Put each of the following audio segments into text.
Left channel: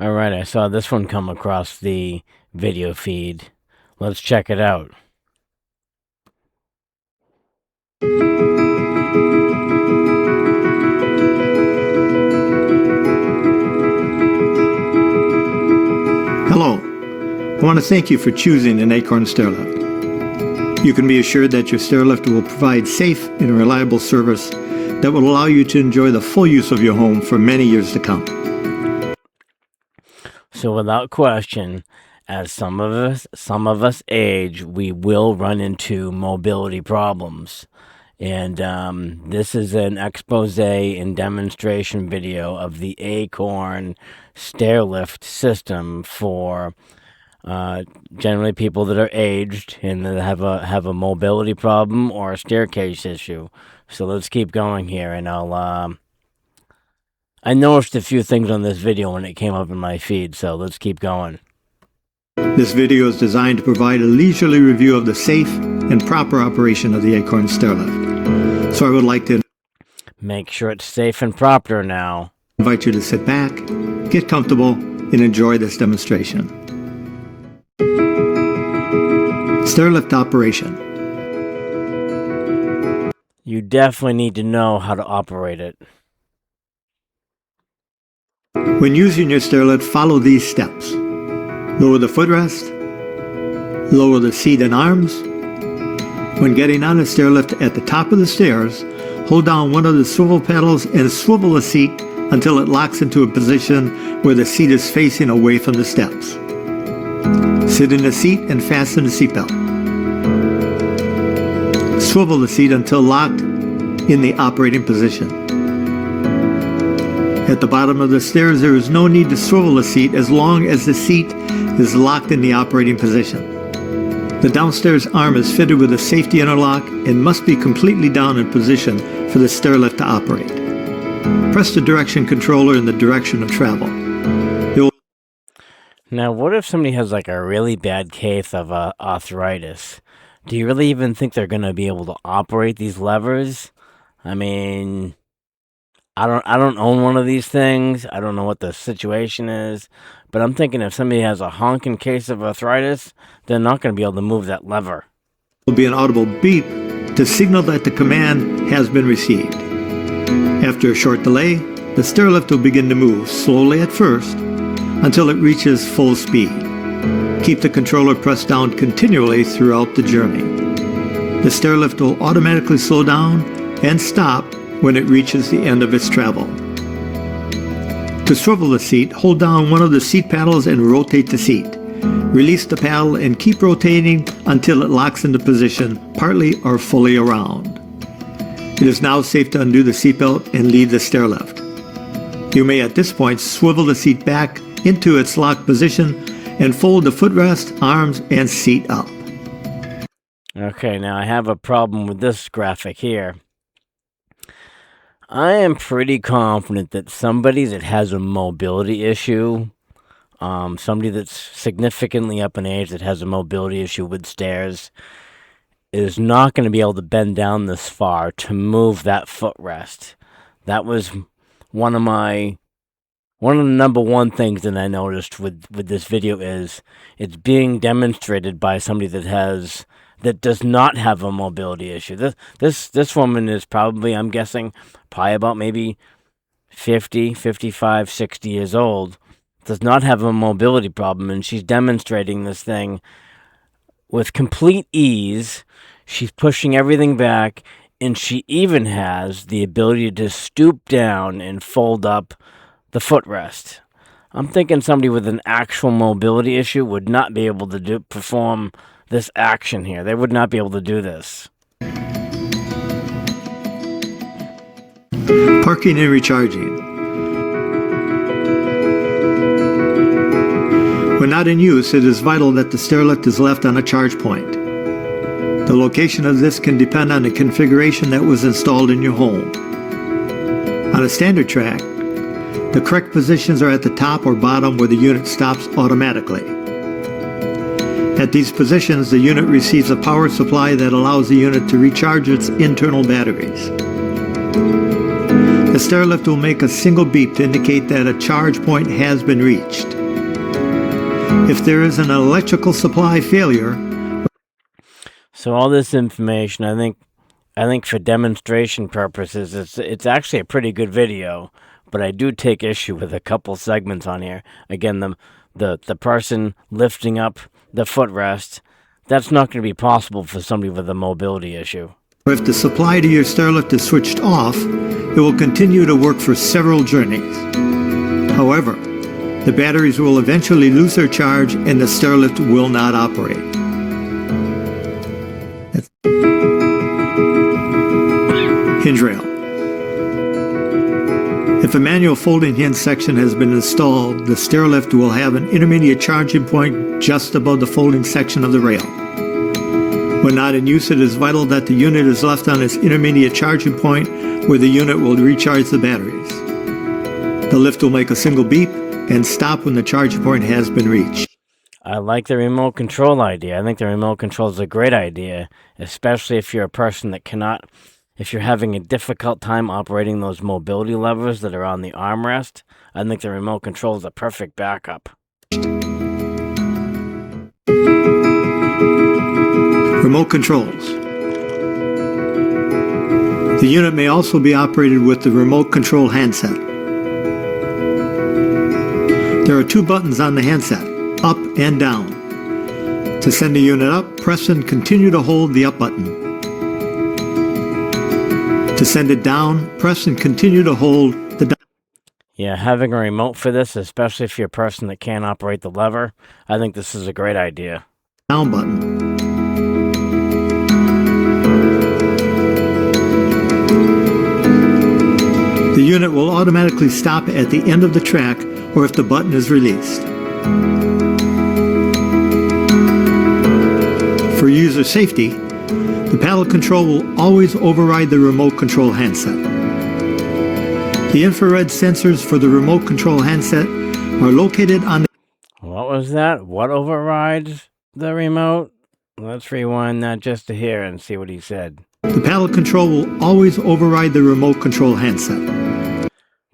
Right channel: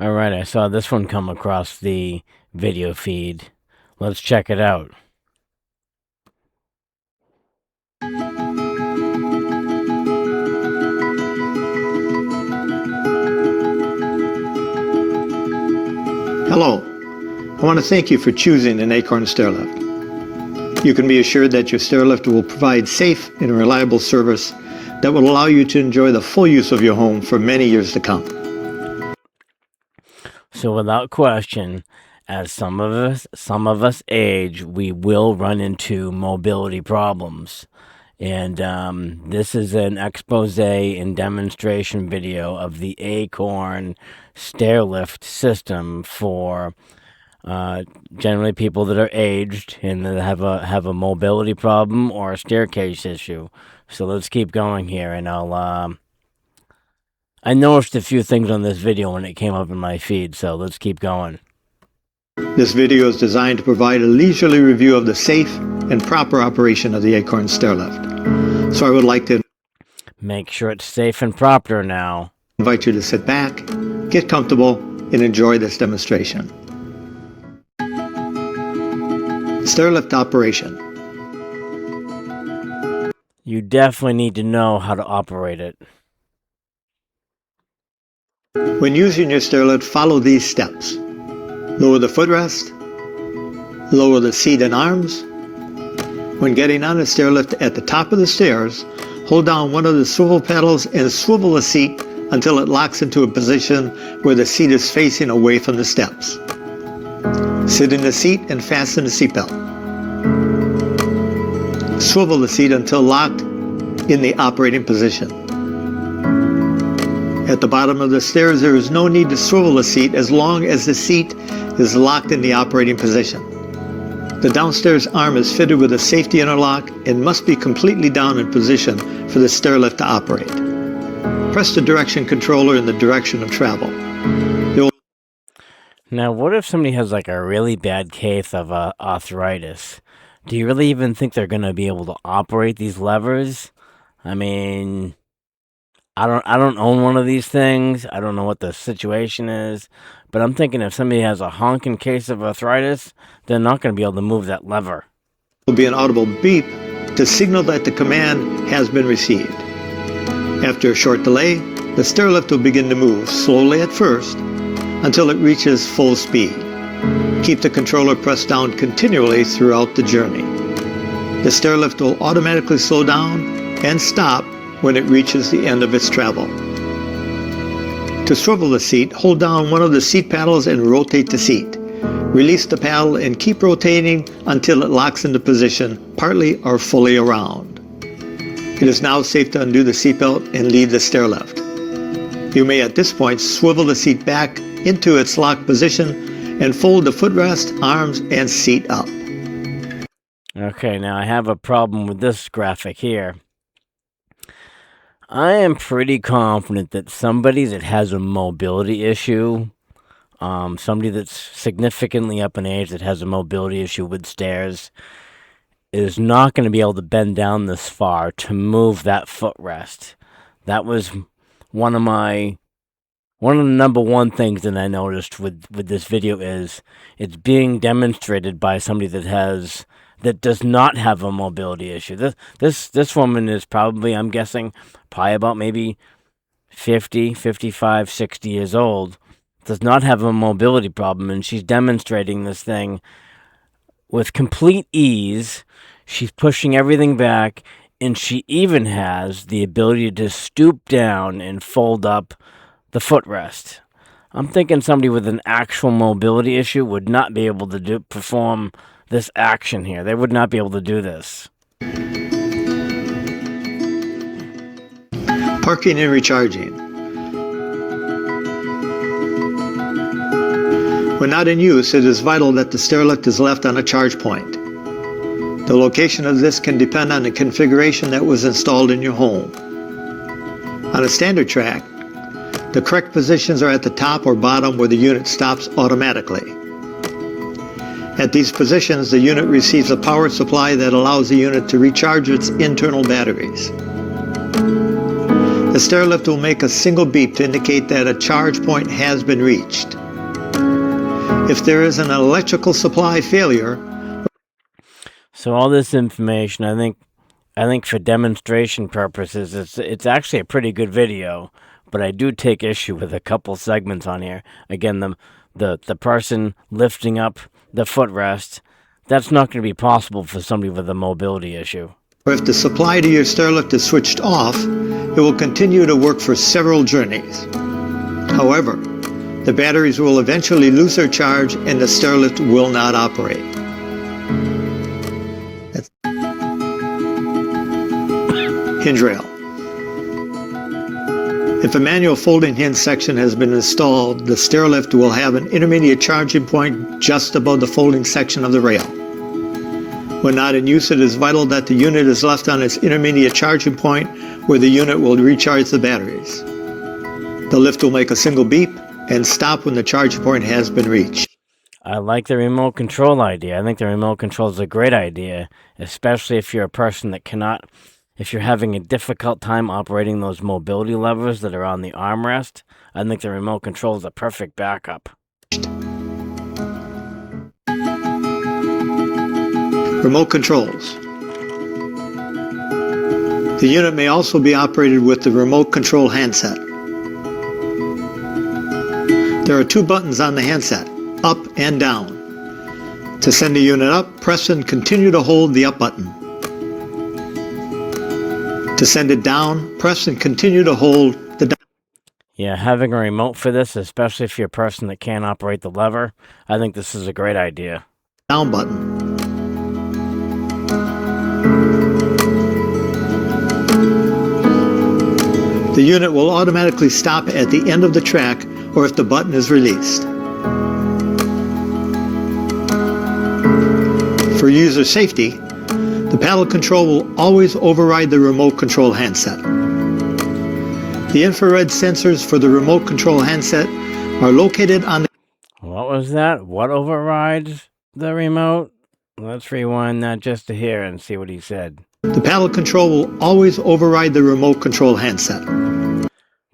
All right, I saw this one come across the video feed. Let's check it out. Hello, I want to thank you for choosing an Acorn stairlift. You can be assured that your stairlift will provide safe and reliable service that will allow you to enjoy the full use of your home for many years to come. So without question, as some of us age, we will run into mobility problems. And this is an expose and demonstration video of the Acorn stairlift system for generally people that are aged and that have a mobility problem or a staircase issue. So let's keep going here, and I noticed a few things on this video when it came up in my feed. So let's keep going. This video is designed to provide a leisurely review of the safe and proper operation of the Acorn stairlift. So I would like to Make sure it's safe and proper now. invite you to sit back, get comfortable, and enjoy this demonstration. Stairlift operation. You definitely need to know how to operate it. When using your stairlift, follow these steps. Lower the footrest, lower the seat and arms. When getting on the stairlift at the top of the stairs, hold down one of the swivel pedals and swivel the seat until it locks into a position where the seat is facing away from the steps. Sit in the seat and fasten the seatbelt. Swivel the seat until locked in the operating position. At the bottom of the stairs, there is no need to swivel the seat as long as the seat is locked in the operating position. The downstairs arm is fitted with a safety interlock and must be completely down in position for the stairlift to operate. Press the direction controller in the direction of travel. Now, what if somebody has like a really bad case of arthritis? Do you really even think they're going to be able to operate these levers? I mean, I don't own one of these things. I don't know what the situation is, but I'm thinking if somebody has a honking case of arthritis, they're not going to be able to move that lever. There will be an audible beep to signal that the command has been received. After a short delay, the stairlift will begin to move slowly at first until it reaches full speed. Keep the controller pressed down continually throughout the journey. The stairlift will automatically slow down and stop when it reaches the end of its travel. To swivel the seat, hold down one of the seat paddles and rotate the seat. Release the paddle and keep rotating until it locks into position, partly or fully around. It is now safe to undo the seatbelt and leave the stairlift. You may at this point swivel the seat back into its locked position and fold the footrest, arms, and seat up. Okay, now I have a problem with this graphic here. I am pretty confident that somebody that has a mobility issue, somebody that's significantly up in age that has a mobility issue with stairs, is not going to be able to bend down this far to move that footrest. That was one of the number one things that I noticed with this video is it's being demonstrated by somebody that does not have a mobility issue. This woman is probably, I'm guessing, probably about maybe 50, 55, 60 years old, does not have a mobility problem, and she's demonstrating this thing with complete ease. She's pushing everything back, and she even has the ability to stoop down and fold up the footrest. I'm thinking somebody with an actual mobility issue would not be able to perform this action here. They would not be able to do this. Parking and recharging. When not in use, it is vital that the stairlift is left on a charge point. The location of this can depend on the configuration that was installed in your home. On a standard track, the correct positions are at the top or bottom where the unit stops automatically. At these positions, the unit receives a power supply that allows the unit to recharge its internal batteries. the stairlift will make a single beep to indicate that a charge point has been reached. If there is an electrical supply failure... So all this information, I think for demonstration purposes, it's actually a pretty good video, but I do take issue with a couple segments on here. Again, the person lifting up the footrest, that's not going to be possible for somebody with a mobility issue. If the supply to your stairlift is switched off, it will continue to work for several journeys. However, the batteries will eventually lose their charge and the stairlift will not operate. Hinge rail. If a manual folding hinge section has been installed, the stairlift will have an intermediate charging point just above the folding section of the rail. When not in use, it is vital that the unit is left on its intermediate charging point where the unit will recharge the batteries. The lift will make a single beep and stop when the charge point has been reached. I like the remote control idea. I think the remote control is a great idea, especially if you're a person that cannot, if you're having a difficult time operating those mobility levers that are on the armrest. I think the remote control is a perfect backup. Remote controls. The unit may also be operated with the remote control handset. There are two buttons on the handset, up and down. To send the unit up, press and continue to hold the up button. To send it down, press and continue to hold the down. Yeah, having a remote for this, especially if you're a person that can't operate the lever, I think this is a great idea. Down button. The unit will automatically stop at the end of the track or if the button is released. For user safety, the paddle control will always override the remote control handset. The infrared sensors for the remote control handset are located on the... What was that? What overrides the remote? Let's rewind that just to hear and see what he said. The paddle control will always override the remote control handset.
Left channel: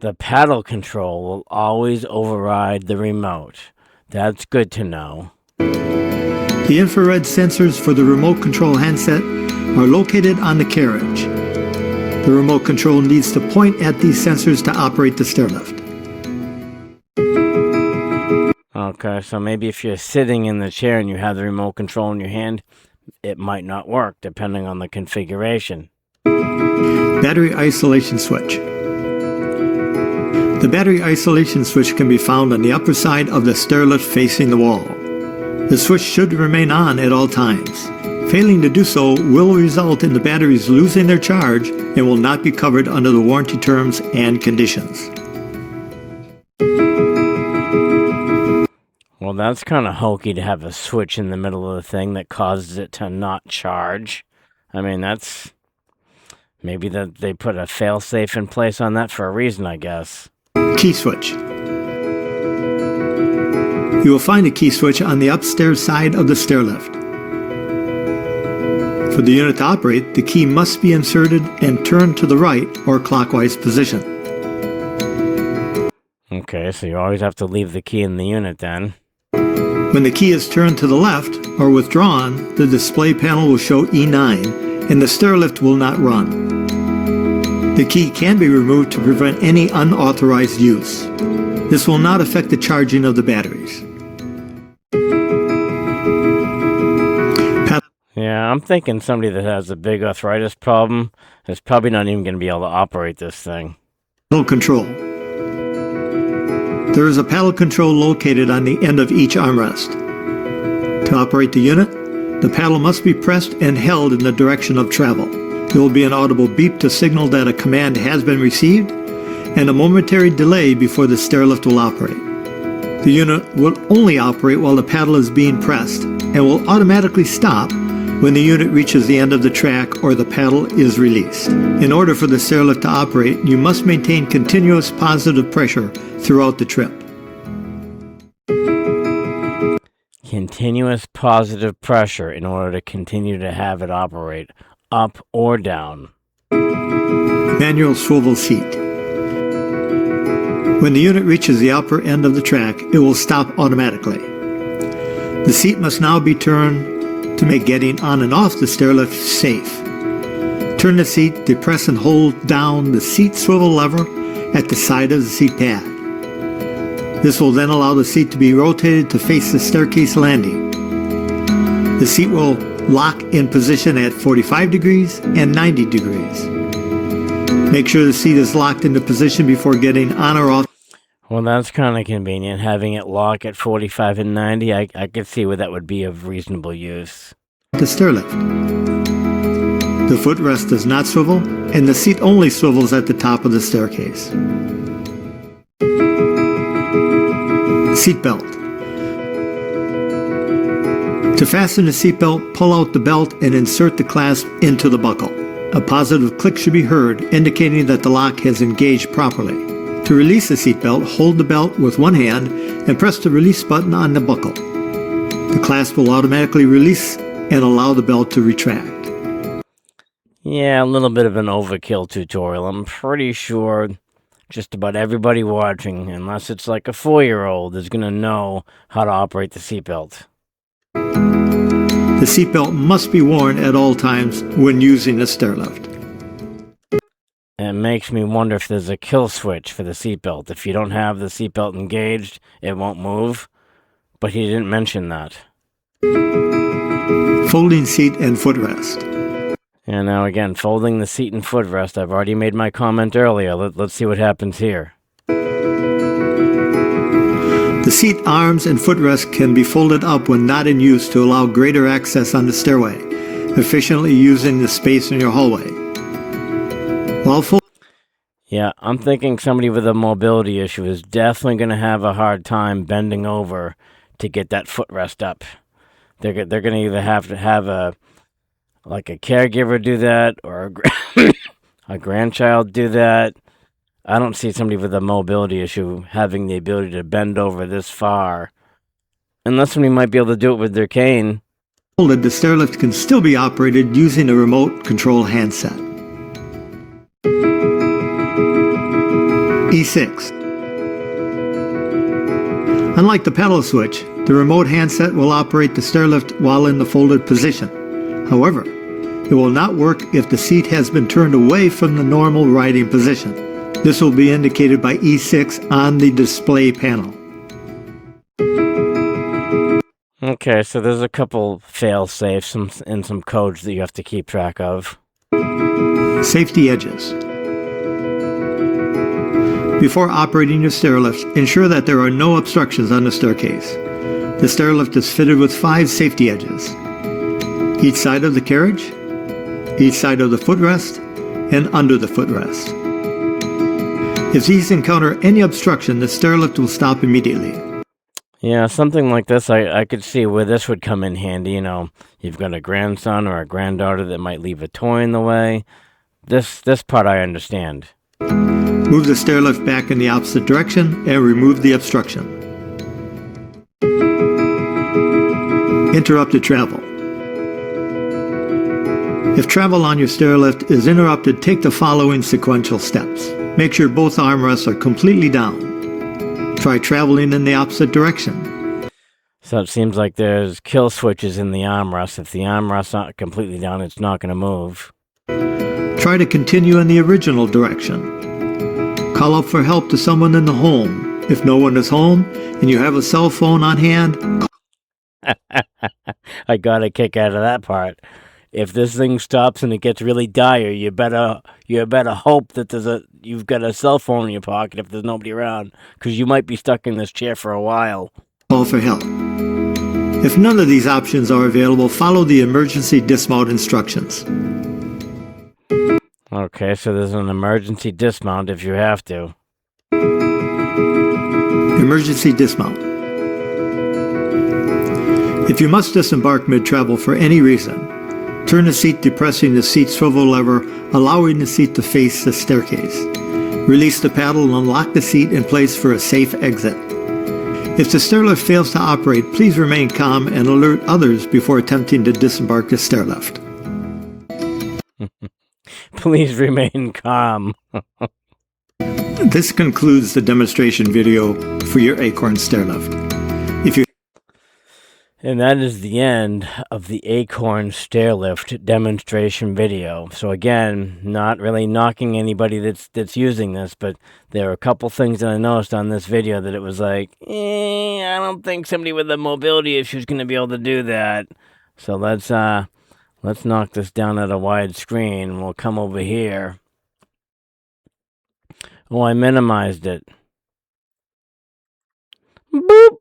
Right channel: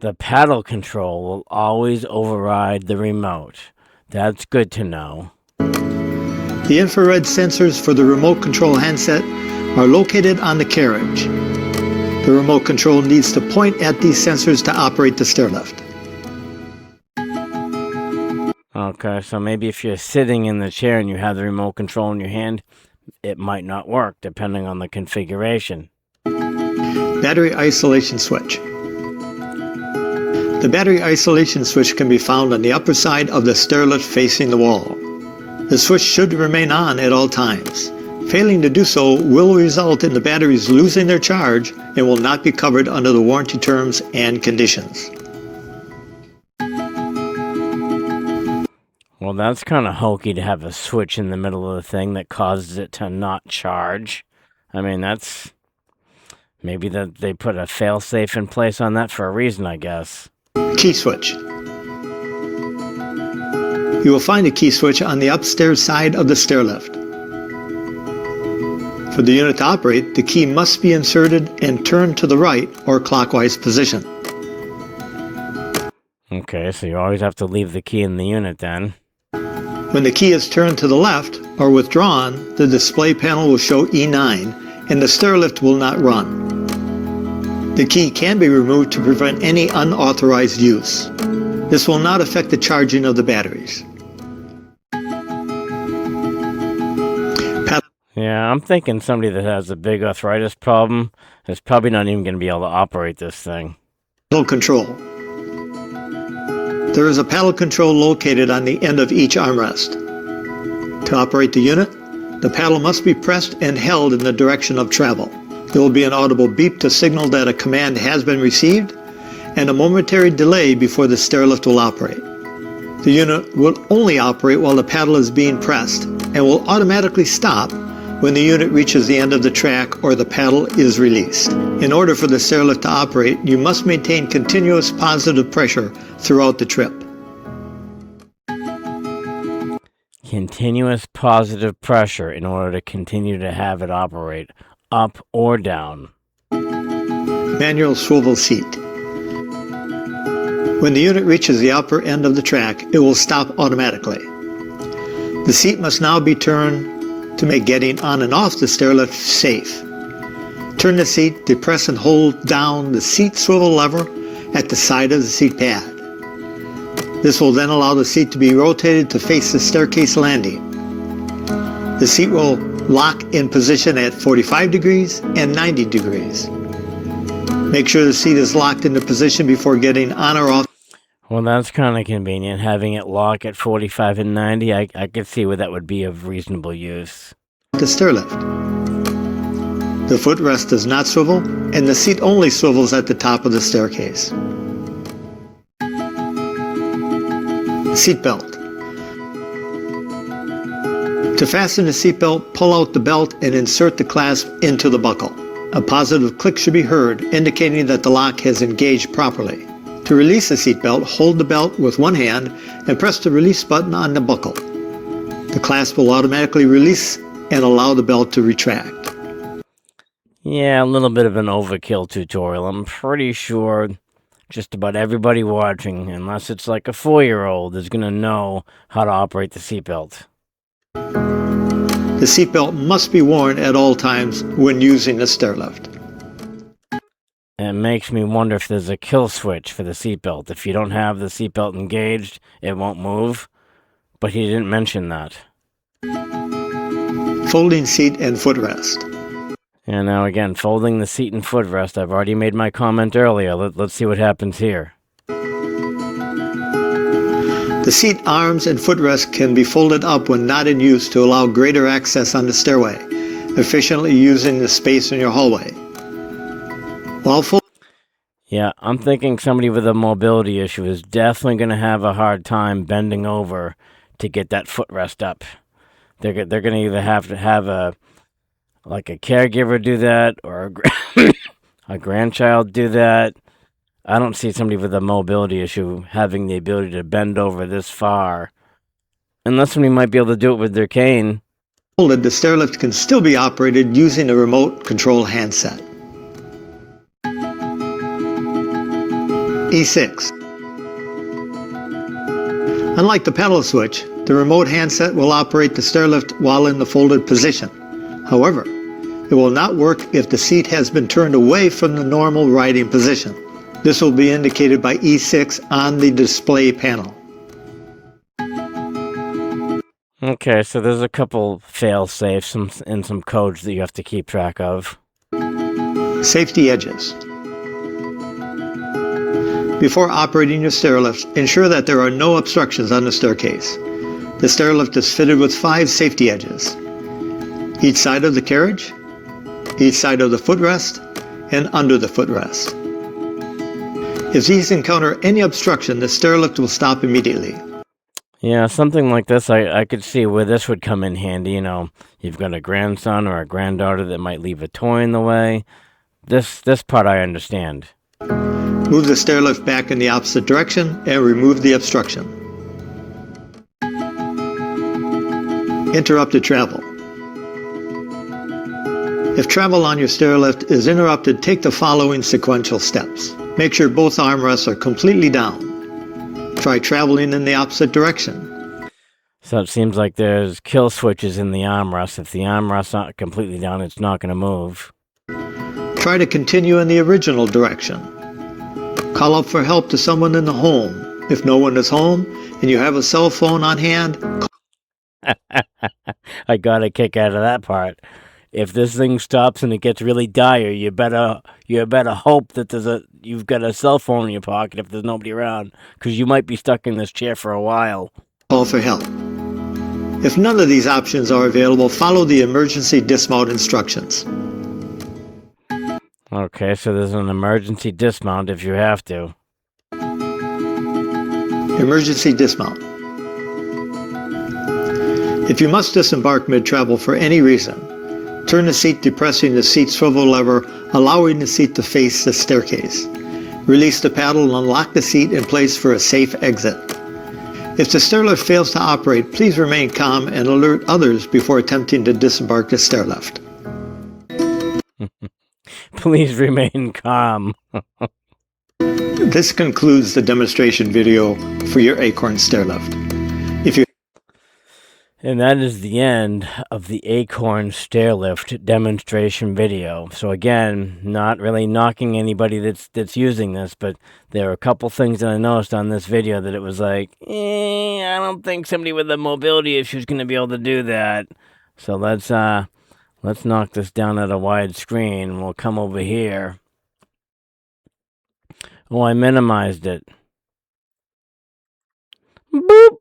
The paddle control will always override the remote. That's good to know. The infrared sensors for the remote control handset are located on the carriage. The remote control needs to point at these sensors to operate the stairlift. Okay, so maybe if you're sitting in the chair and you have the remote control in your hand, it might not work depending on the configuration. Battery isolation switch. The battery isolation switch can be found on the upper side of the stairlift facing the wall. The switch should remain on at all times. Failing to do so will result in the batteries losing their charge and will not be covered under the warranty terms and conditions. Well, that's kind of hokey to have a switch in the middle of the thing that causes it to not charge. I mean, that's... maybe that they put a fail-safe in place on that for a reason, I guess. Key switch. You will find a key switch on the upstairs side of the stairlift. For the unit to operate, the key must be inserted and turned to the right or clockwise position. Okay, so you always have to leave the key in the unit then. When the key is turned to the left or withdrawn, the display panel will show E9 and the stairlift will not run. The key can be removed to prevent any unauthorized use. This will not affect the charging of the batteries. Yeah, I'm thinking somebody that has a big arthritis problem is probably not even going to be able to operate this thing. Paddle control. There is a paddle control located on the end of each armrest. To operate the unit, the paddle must be pressed and held in the direction of travel. There will be an audible beep to signal that a command has been received, and a momentary delay before the stairlift will operate. The unit will only operate while the paddle is being pressed, and will automatically stop when the unit reaches the end of the track or the paddle is released. In order for the stairlift to operate, you must maintain continuous positive pressure throughout the trip. Continuous positive pressure in order to continue to have it operate, up or down. Manual swivel seat. When the unit reaches the upper end of the track, it will stop automatically. The seat must now be turned to make getting on and off the stairlift safe. Turn the seat, depress and hold down the seat swivel lever at the side of the seat pad. This will then allow the seat to be rotated to face the staircase landing. The seat will lock in position at 45 degrees and 90 degrees. Make sure the seat is locked into position before getting on or off. Well, that's kind of convenient, having it lock at 45 and 90. I could see where that would be of reasonable use. The stairlift. The footrest does not swivel, and the seat only swivels at the top of the staircase. Seatbelt. To fasten the seatbelt, pull out the belt and insert the clasp into the buckle. A positive click should be heard, indicating that the lock has engaged properly. To release the seatbelt, hold the belt with one hand and press the release button on the buckle. The clasp will automatically release and allow the belt to retract. Yeah, a little bit of an overkill tutorial. I'm pretty sure just about everybody watching, unless it's like a 4-year-old, is going to know how to operate the seatbelt. The seatbelt must be worn at all times when using a stairlift. It makes me wonder if there's a kill switch for the seatbelt. If you don't have the seatbelt engaged, it won't move. But he didn't mention that. Folding seat and footrest. And now again, folding the seat and footrest. I've already made my comment earlier. Let's see what happens here. The seat arms and footrest can be folded up when not in use to allow greater access on the stairway, efficiently using the space in your hallway. Yeah, I'm thinking somebody with a mobility issue is definitely going to have a hard time bending over to get that footrest up. They're going to either have to have a caregiver do that or a grandchild do that. I don't see somebody with a mobility issue having the ability to bend over this far, unless somebody might be able to do it with their cane. The stairlift can still be operated using a remote control handset. E6. Unlike the pedal switch, the remote handset will operate the stairlift while in the folded position. However, it will not work if the seat has been turned away from the normal riding position. This will be indicated by E6 on the display panel. Okay, so there's a couple fail-safes and some codes that you have to keep track of. Safety edges. Before operating your stairlift, ensure that there are no obstructions on the staircase. The stairlift is fitted with 5 safety edges. Each side of the carriage, each side of the footrest, and under the footrest. If these encounter any obstruction, the stairlift will stop immediately. Yeah, something like this, I could see where this would come in handy. You know, you've got a grandson or a granddaughter that might leave a toy in the way. This part I understand. Move the stairlift back in the opposite direction and remove the obstruction. Interrupted travel. If travel on your stairlift is interrupted, take the following sequential steps. Make sure both armrests are completely down. Try traveling in the opposite direction. So it seems like there's kill switches in the armrest. If the armrest's not completely down, it's not going to move. Try to continue in the original direction. Call out for help to someone in the home. If no one is home and you have a cell phone on hand, I got a kick out of that part. If this thing stops and it gets really dire, you better hope that you've got a cell phone in your pocket if there's nobody around, because you might be stuck in this chair for a while. Call for help. If none of these options are available, follow the emergency dismount instructions. Okay, so there's an emergency dismount if you have to. Emergency dismount. If you must disembark mid-travel for any reason, turn the seat depressing the seat swivel lever, allowing the seat to face the staircase. Release the paddle and unlock the seat in place for a safe exit. If the stairlift fails to operate, please remain calm and alert others before attempting to disembark the stairlift. Please remain calm. This concludes the demonstration video for your acorn stairlift. And that is the end of the acorn stairlift demonstration video. So again, not really knocking anybody that's using this, but there are a couple things that I noticed on this video that it was like, I don't think somebody with a mobility issue is going to be able to do that. So let's knock this down at a wide screen. We'll come over here. Oh, I minimized it. Boop.